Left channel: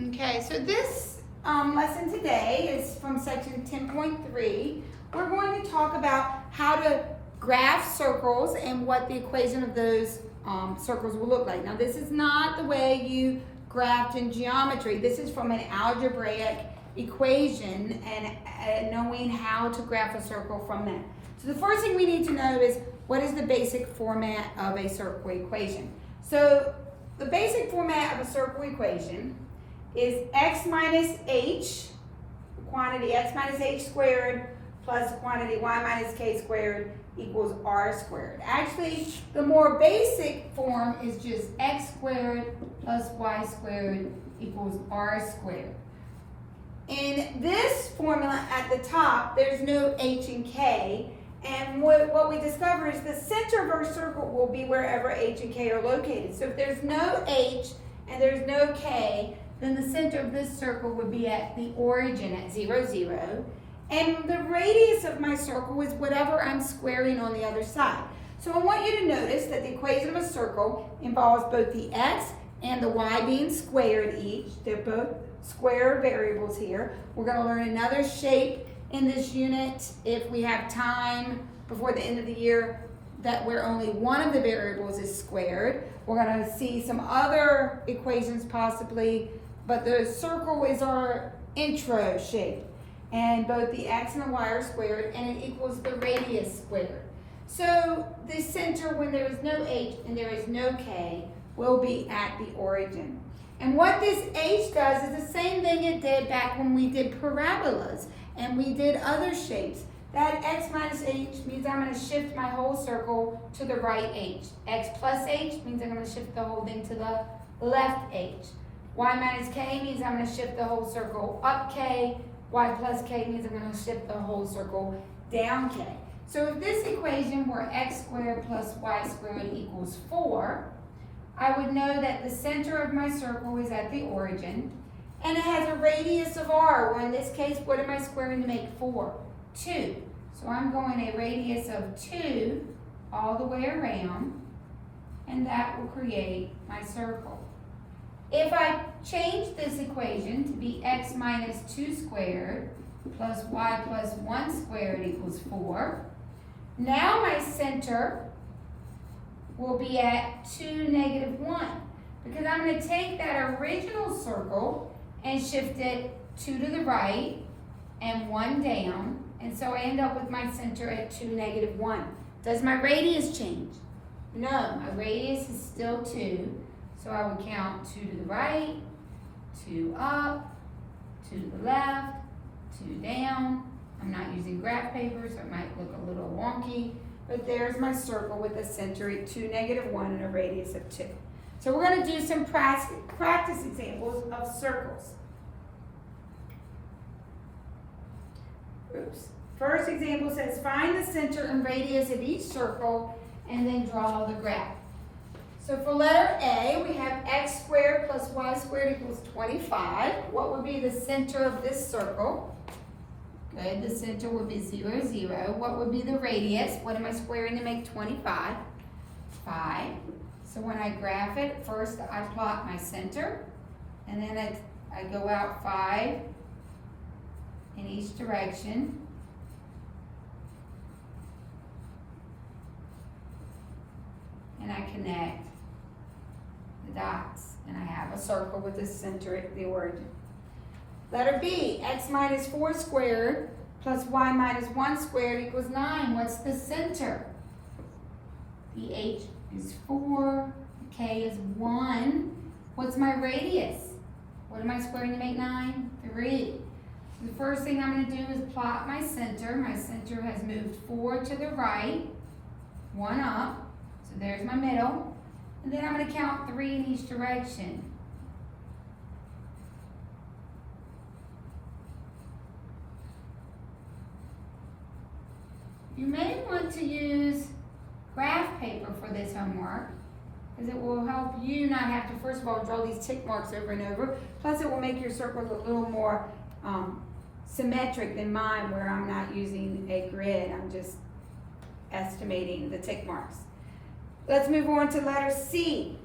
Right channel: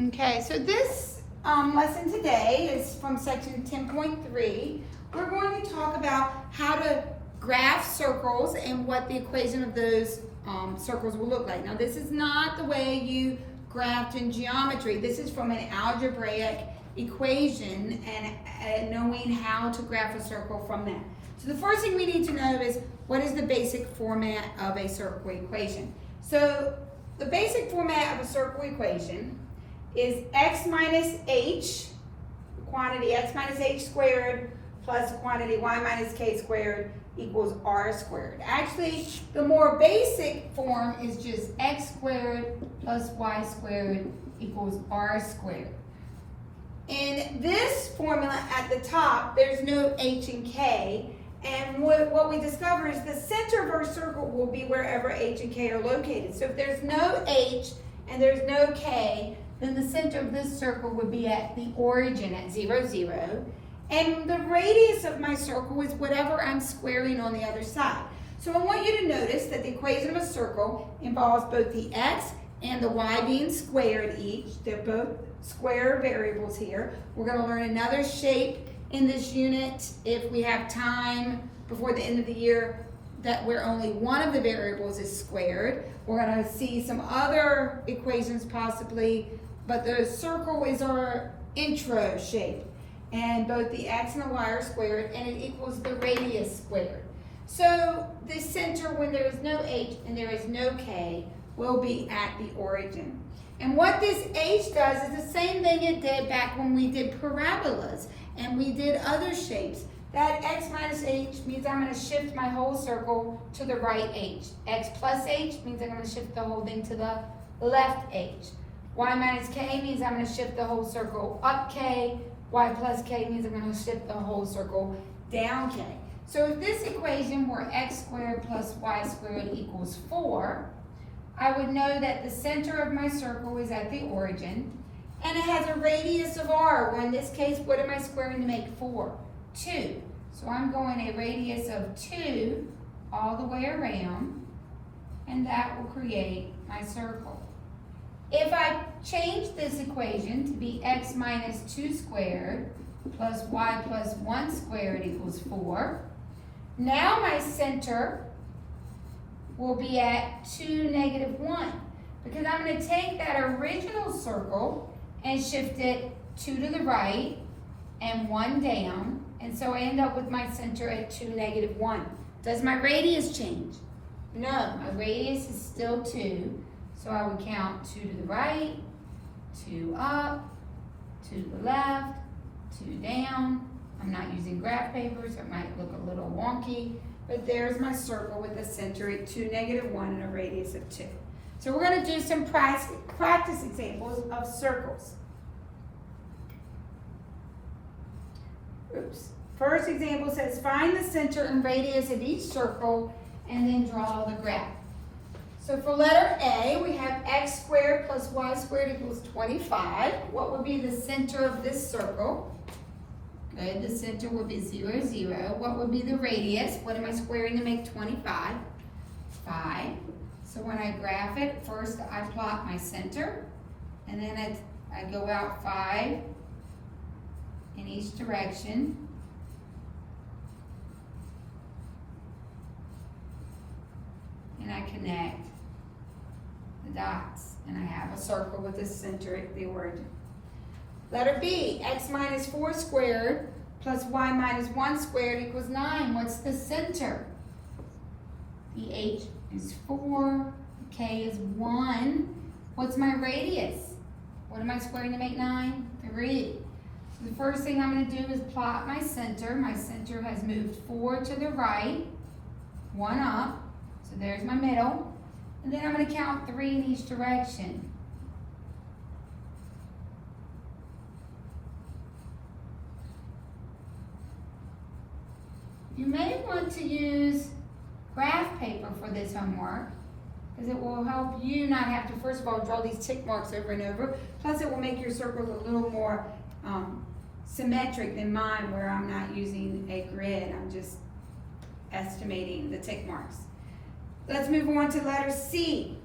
Okay, so this lesson today is from section 10.3. We're going to talk about how to graph circles and what the equation of those circles will look like. Now, this is not the way you graphed in geometry. This is from an algebraic equation and knowing how to graph a circle from that. So the first thing we need to know is what is the basic format of a circle equation. So the basic format of a circle equation is x minus h, the quantity x minus h squared, plus the quantity y minus k squared equals r squared. Actually, the more basic form is just x squared plus y squared equals r squared. In this formula at the top, there's no h and k, and what we discover is the center of our circle will be wherever h and k are located. So if there's no h and there's no k, then the center of this circle would be at the origin at 0, 0. And the radius of my circle is whatever I'm squaring on the other side. So I want you to notice that the equation of a circle involves both the x and the y being squared each. They're both square variables here. We're going to learn another shape in this unit if we have time before the end of the year that where only one of the variables is squared. We're going to see some other equations possibly, but the circle is our intro shape. And both the x and the y are squared, and it equals the radius squared. So the center, when there is no h and there is no k, will be at the origin. And what this h does is the same thing it did back when we did parabolas and we did other shapes. That x minus h means I'm going to shift my whole circle to the right h. X plus h means I'm going to shift the whole thing to the left h. Y minus k means I'm going to shift the whole circle up k. Y plus k means I'm going to shift the whole circle down k. So if this equation were x squared plus y squared equals 4, I would know that the center of my circle is at the origin, and it has a radius of r. Well, in this case, what am I squaring to make 4? 2. So I'm going a radius of 2 all the way around, and that will create my circle. If I change this equation to be x minus 2 squared plus y plus 1 squared equals 4, now my center will be at 2, negative 1, because I'm going to take that original circle and shift it 2 to the right and 1 down, and so I end up with my center at 2, negative 1. Does my radius change? No, my radius is still 2. So I would count 2 to the right, 2 up, 2 to the left, 2 down. I'm not using graph paper, so it might look a little wonky, but there's my circle with a center at 2, negative 1, and a radius of 2. So we're going to do some practice examples of circles. Oops. First example says, find the center and radius of each circle, and then draw the graph. So for letter A, we have x squared plus y squared equals 25. What would be the center of this circle? Good, the center would be 0, 0. What would be the radius? What am I squaring to make 25? 5. So when I graph it, first I plot my center, and then I go out 5 in each direction. And I connect the dots, and I have a circle with the center at the origin. Letter B, x minus 4 squared plus y minus 1 squared equals 9. What's the center? The h is 4, the k is 1. What's my radius? What am I squaring to make 9? 3. So the first thing I'm going to do is plot my center. My center has moved 4 to the right, 1 up. So there's my middle. And then I'm going to count 3 in each direction. You may want to use graph paper for this homework, because it will help you not have to, first of all, draw these tick marks over and over. Plus it will make your circles a little more symmetric than mine, where I'm not using a grid. I'm just estimating the tick marks. Let's move on to letter C.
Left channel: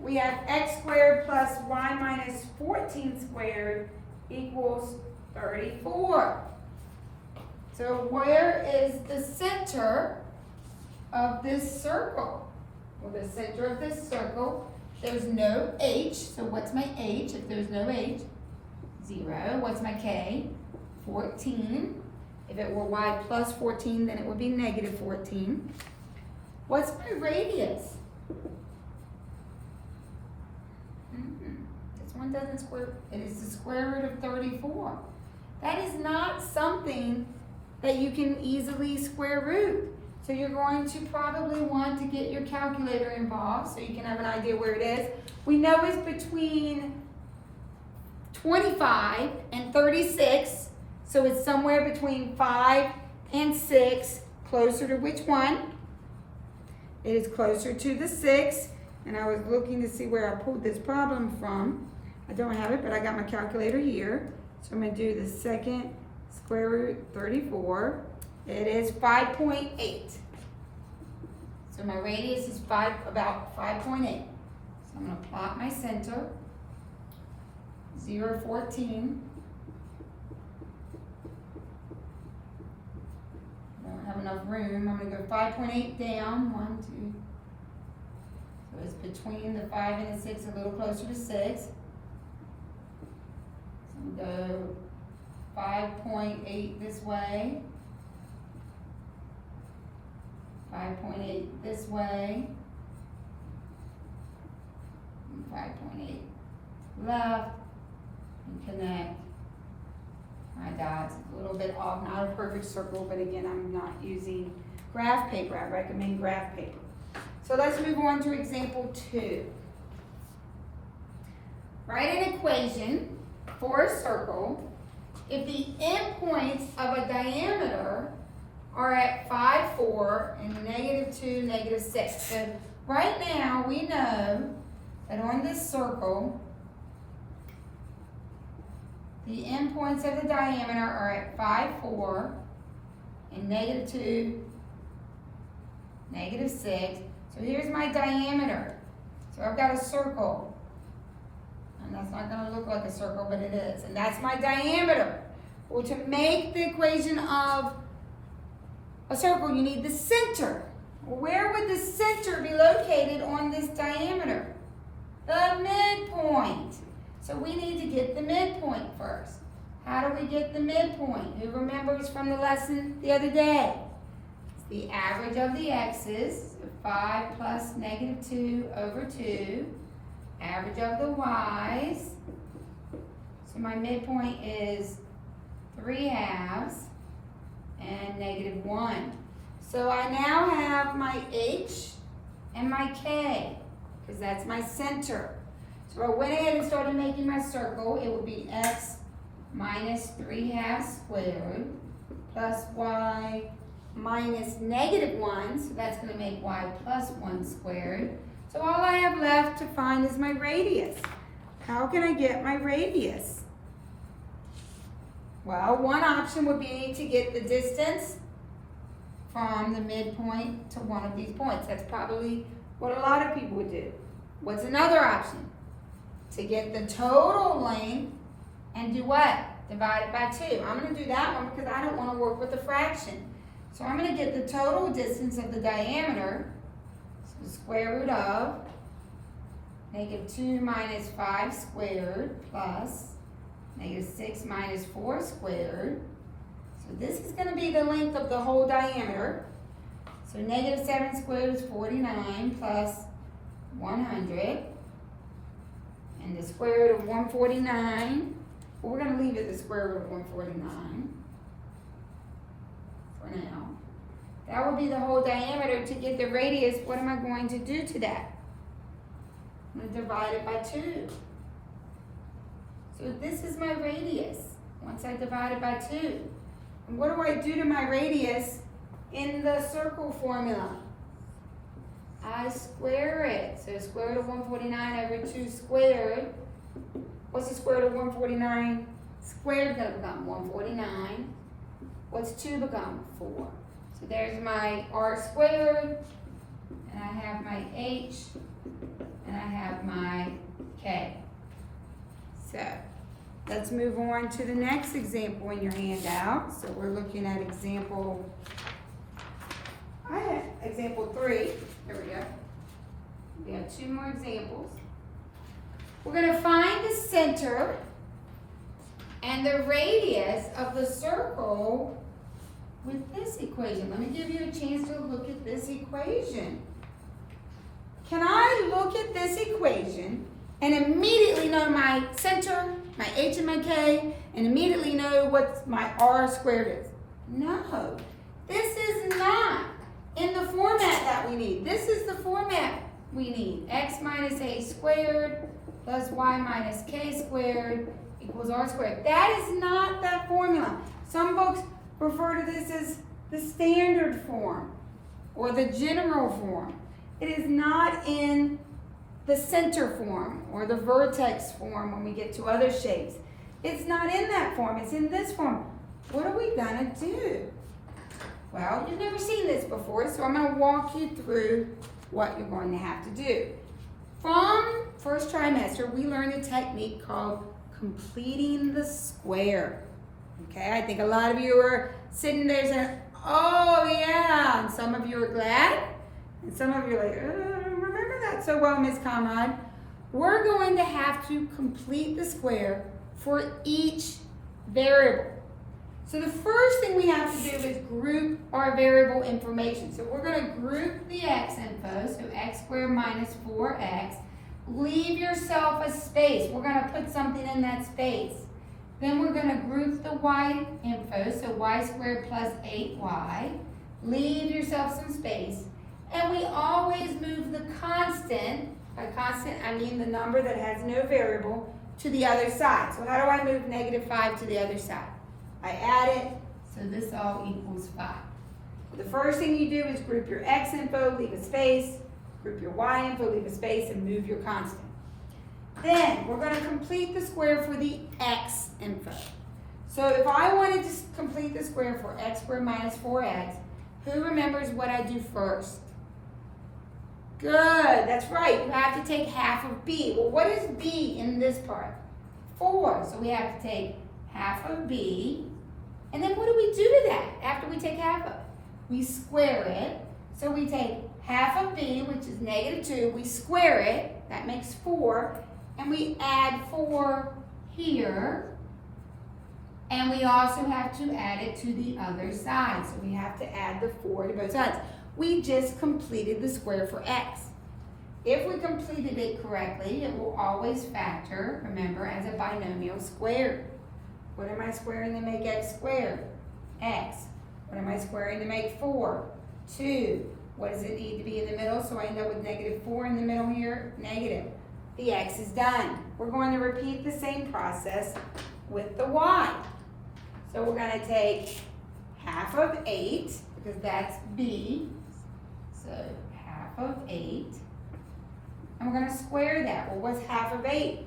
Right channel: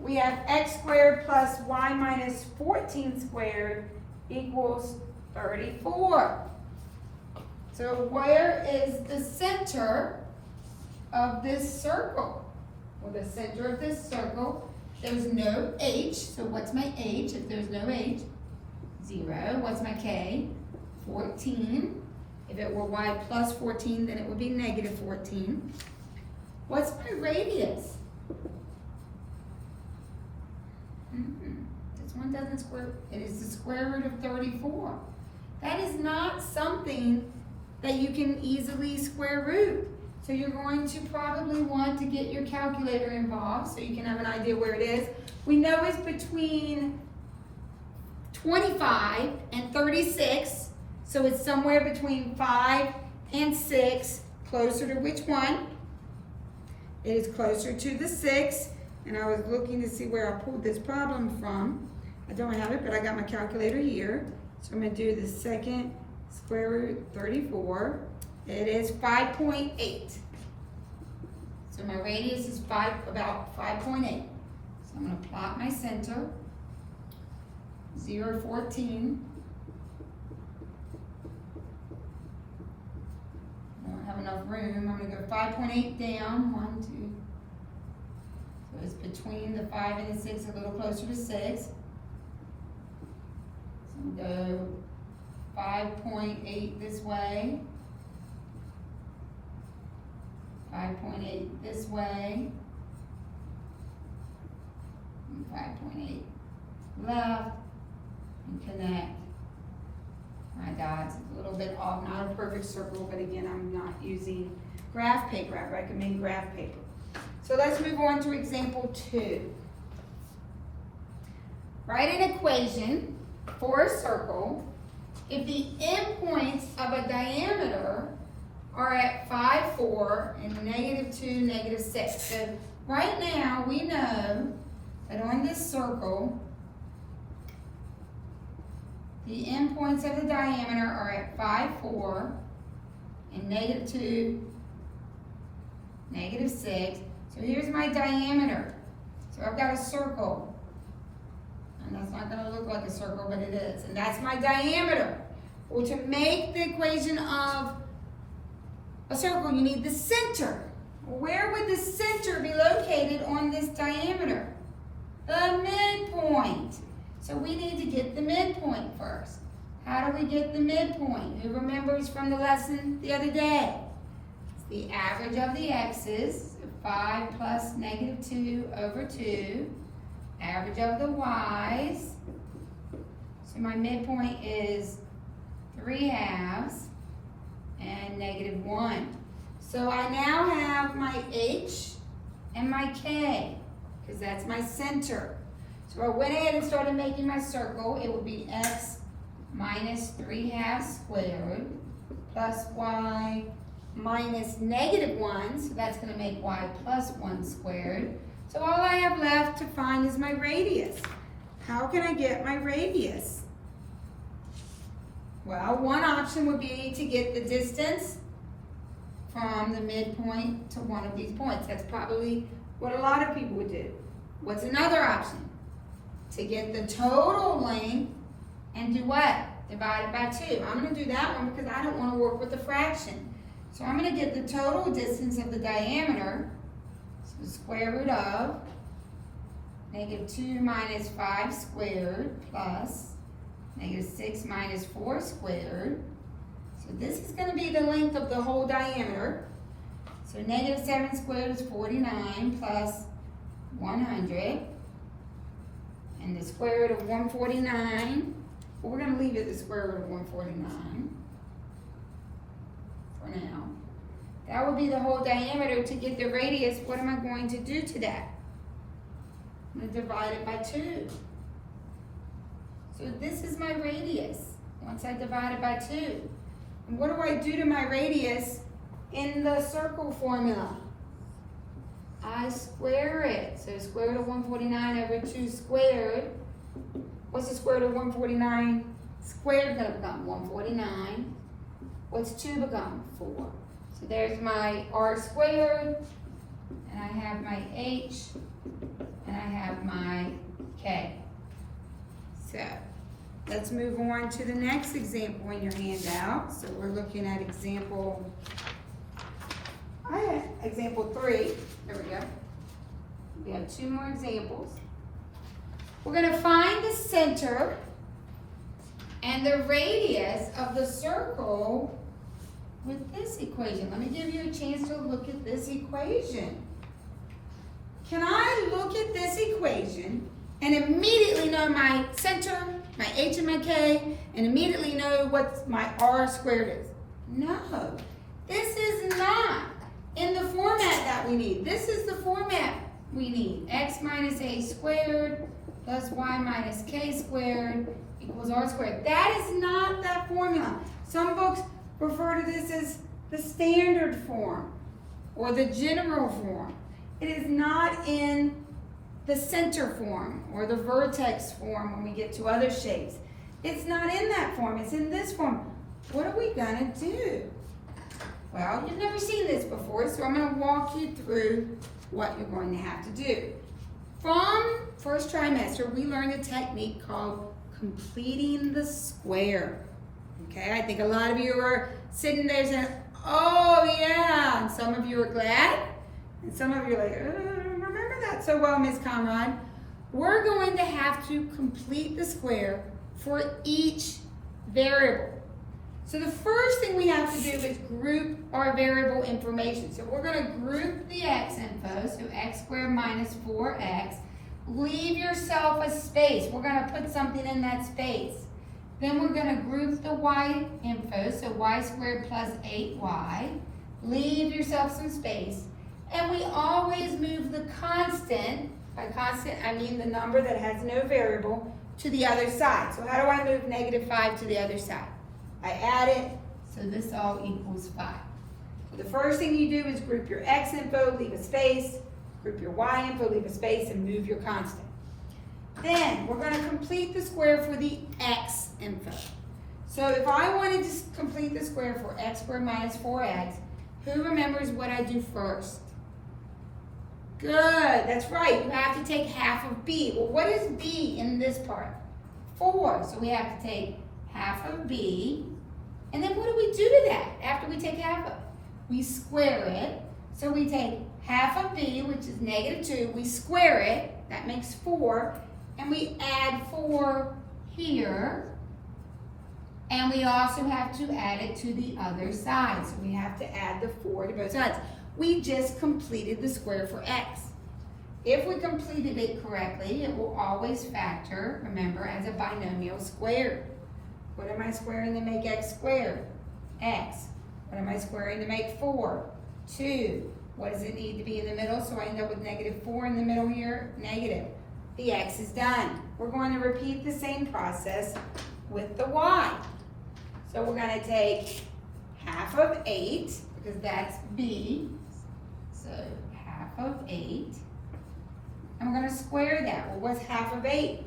we have x squared plus y minus 14 squared equals 34. So where is the center of this circle? Well, the center of this circle, there's no h, so what's my h if there's no h? 0. What's my k? 14. If it were y plus 14, then it would be negative 14. What's my radius? This one doesn't square, it is the square root of 34. That is not something that you can easily square root. So you're going to probably want to get your calculator involved so you can have an idea where it is. We know it's between 25 and 36, so it's somewhere between 5 and 6, closer to which one? It is closer to the 6, and I was looking to see where I pulled this problem from. I don't have it, but I got my calculator here. So I'm going to do the second square root 34. It is 5.8. So my radius is about 5.8. So I'm going to plot my center. 0, 14. I don't have enough room. I'm going to go 5.8 down. 1, 2. So it's between the 5 and the 6, a little closer to 6. So I'm going to go 5.8 this way. 5.8 this way. And 5.8 left. And connect my dots. It's a little bit off, not a perfect circle, but again, I'm not using graph paper. I recommend graph paper. So let's move on to example 2. Write an equation for a circle if the endpoints of a diameter are at 5, 4, and -2, -6. So right now we know that on this circle, the endpoints of the diameter are at 5, 4, and -2, -6. So here's my diameter. So I've got a circle. And that's not going to look like a circle, but it is. And that's my diameter. Well, to make the equation of a circle, you need the center. Where would the center be located on this diameter? The midpoint. So we need to get the midpoint first. How do we get the midpoint? Who remembers from the lesson the other day? It's the average of the x's, so 5 plus -2 over 2. Average of the y's. So my midpoint is 3/2 and -1. So I now have my h and my k, because that's my center. So I went ahead and started making my circle. It would be x minus 3/2 squared plus y minus -1. So that's going to make y plus 1 squared. So all I have left to find is my radius. How can I get my radius? Well, one option would be to get the distance from the midpoint to one of these points. That's probably what a lot of people would do. What's another option? To get the total length and do what? Divide it by 2. I'm going to do that one because I don't want to work with a fraction. So I'm going to get the total distance of the diameter. So the square root of -2 minus 5 squared plus -6 minus 4 squared. So this is going to be the length of the whole diameter. So -7 squared is 49 plus 100. And the square root of 149, well, we're going to leave it the square root of 149 for now. That would be the whole diameter. To get the radius, what am I going to do to that? I'm going to divide it by 2. So this is my radius once I divide it by 2. And what do I do to my radius in the circle formula? I square it. So square root of 149 over 2 squared. What's the square root of 149 squared going to become? 149. What's 2 become? 4. So there's my r squared, and I have my h, and I have my k. So let's move on to the next example in your handout. So we're looking at example 3. There we go. We have 2 more examples. We're going to find the center and the radius of the circle with this equation. Let me give you a chance to look at this equation. Can I look at this equation and immediately know my center, my h and my k, and immediately know what my r squared is? No, this is not in the format that we need. This is the format we need. X minus a squared plus y minus k squared equals r squared. That is not that formula. Some books refer to this as the standard form or the general form. It is not in the center form or the vertex form when we get to other shapes. It's not in that form, it's in this form. What are we gonna do? Well, you've never seen this before, so I'm gonna walk you through what you're going to have to do. From first trimester, we learned a technique called completing the square. Okay, I think a lot of you are sitting there saying, oh yeah, and some of you are glad, and some of you are like, remember that so well, Miss Conrad. We're going to have to complete the square for each variable. So the first thing we have to do is group our variable information. So we're going to group the x info, so x squared minus 4x. Leave yourself a space. We're going to put something in that space. Then we're going to group the y info, so y squared plus 8y. Leave yourself some space. And we always move the constant, by constant I mean the number that has no variable, to the other side. So how do I move -5 to the other side? I add it, so this all equals 5. The first thing you do is group your x info, leave a space, group your y info, leave a space, and move your constant. Then we're going to complete the square for the x info. So if I wanted to complete the square for x squared minus 4x, who remembers what I do first? Good, that's right. You have to take half of b. Well, what is b in this part? 4. So we have to take half of b. And then what do we do to that after we take half of it? We square it. So we take half of b, which is -2. We square it. That makes 4. And we add 4 here. And we also have to add it to the other side. So we have to add the 4 to both sides. We just completed the square for x. If we completed it correctly, it will always factor, remember, as a binomial squared. What am I squaring to make x squared? X. What am I squaring to make 4? 2. What does it need to be in the middle? So I end up with -4 in the middle here, negative. The x is done. We're going to repeat the same process with the y. So we're going to take half of 8, because that's b. So half of 8. And we're going to square that. Well, what's half of 8?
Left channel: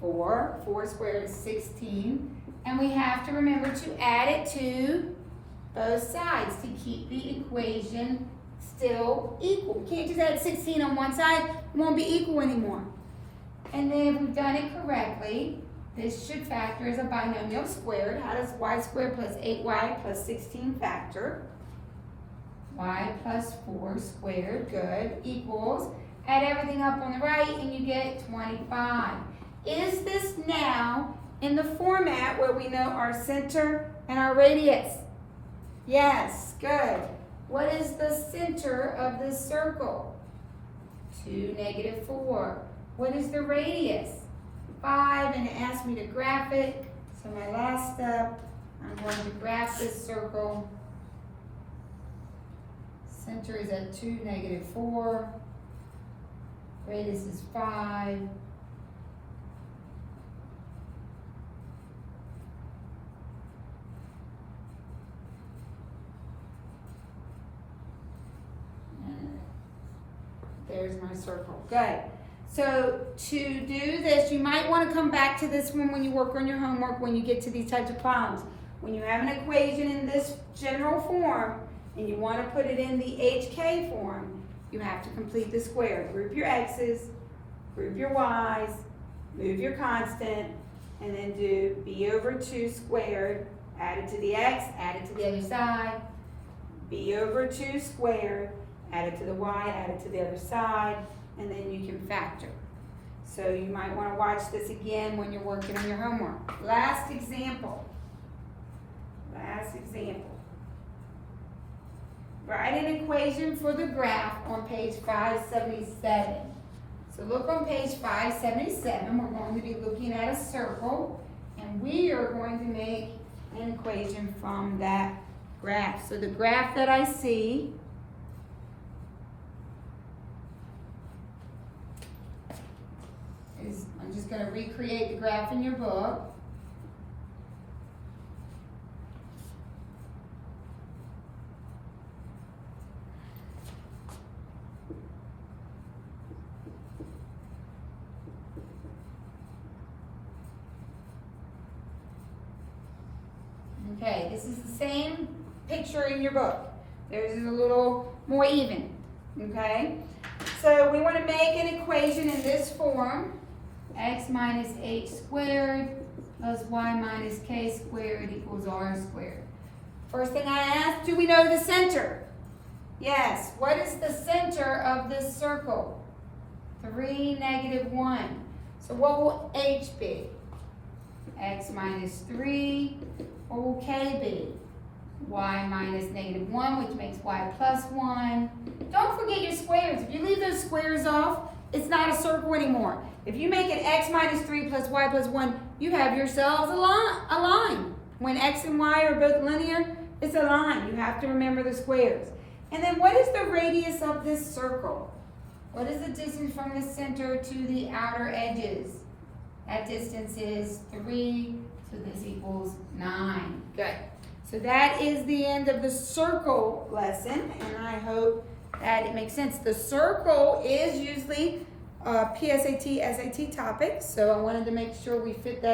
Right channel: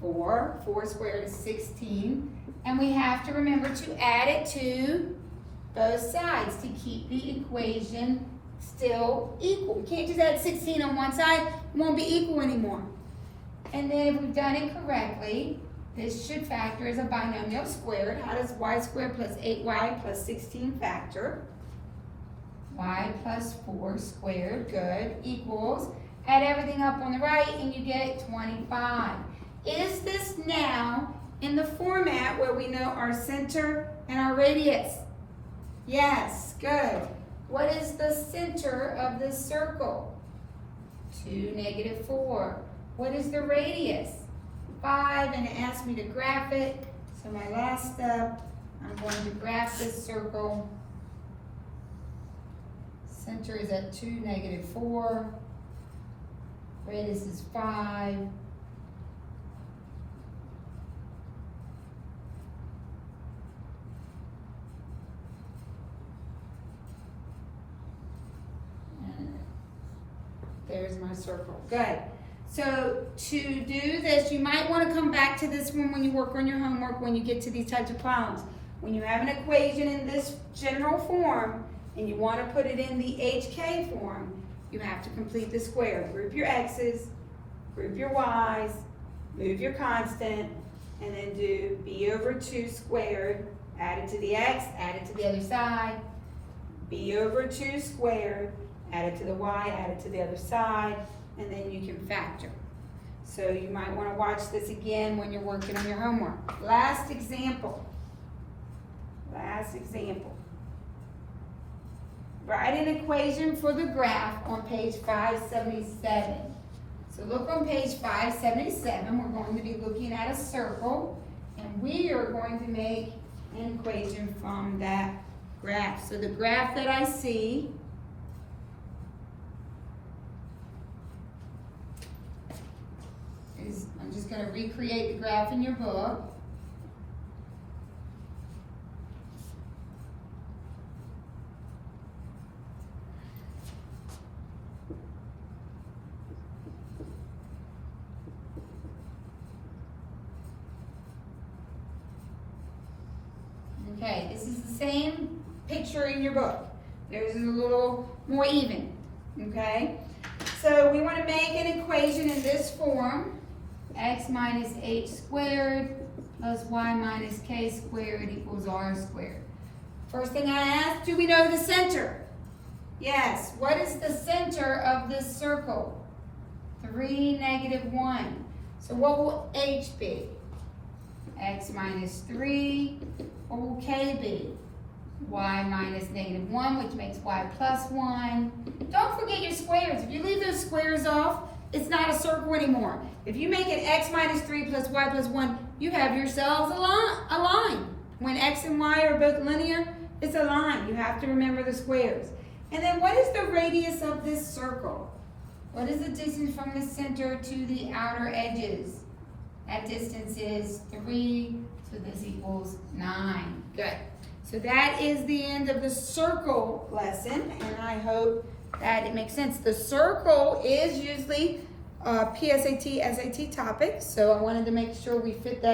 4. 4 squared is 16. And we have to remember to add it to both sides to keep the equation still equal. We can't just add 16 on one side. It won't be equal anymore. And then if we've done it correctly, this should factor as a binomial squared. How does y squared plus 8y plus 16 factor? Y plus 4 squared, good, equals, add everything up on the right and you get 25. Is this now in the format where we know our center and our radius? Yes, good. What is the center of this circle? 2, -4. What is the radius? 5, and it asked me to graph it. So my last step, I'm going to graph this circle. Center is at 2, -4. Radius is 5. And there's my circle. Good. So to do this, you might want to come back to this one when you work on your homework, when you get to these types of problems. When you have an equation in this general form and you want to put it in the HK form, you have to complete the square. Group your x's, group your y's, move your constant, and then do b over 2 squared, add it to the x, add it to the other side, b over 2 squared, add it to the y, add it to the other side, and then you can factor. So you might want to watch this again when you're working on your homework. Last example. Write an equation for the graph on page 577. So look on page 577. We're going to be looking at a circle, and we are going to make an equation from that graph. So the graph that I see is, I'm just going to recreate the graph in your book. Okay, this is the same picture in your book. There's a little more even, okay? So we want to make an equation in this form. X minus h squared plus y minus k squared equals r squared. First thing I ask, do we know the center? Yes. What is the center of this circle? 3, -1. So what will h be? X minus 3. What will k be? Y minus -1, which makes y plus 1. Don't forget your squares. If you leave those squares off, it's not a circle anymore. If you make it x minus 3 plus y plus 1, you have yourselves a line. When x and y are both linear, it's a line. You have to remember the squares. And then what is the radius of this circle? What is the distance from the center to the outer edges? That distance is 3, so this equals 9. Good. So that is the end of the circle lesson, and I hope that it makes sense. The circle is usually a PSAT, SAT topic, so I wanted to make sure we fit that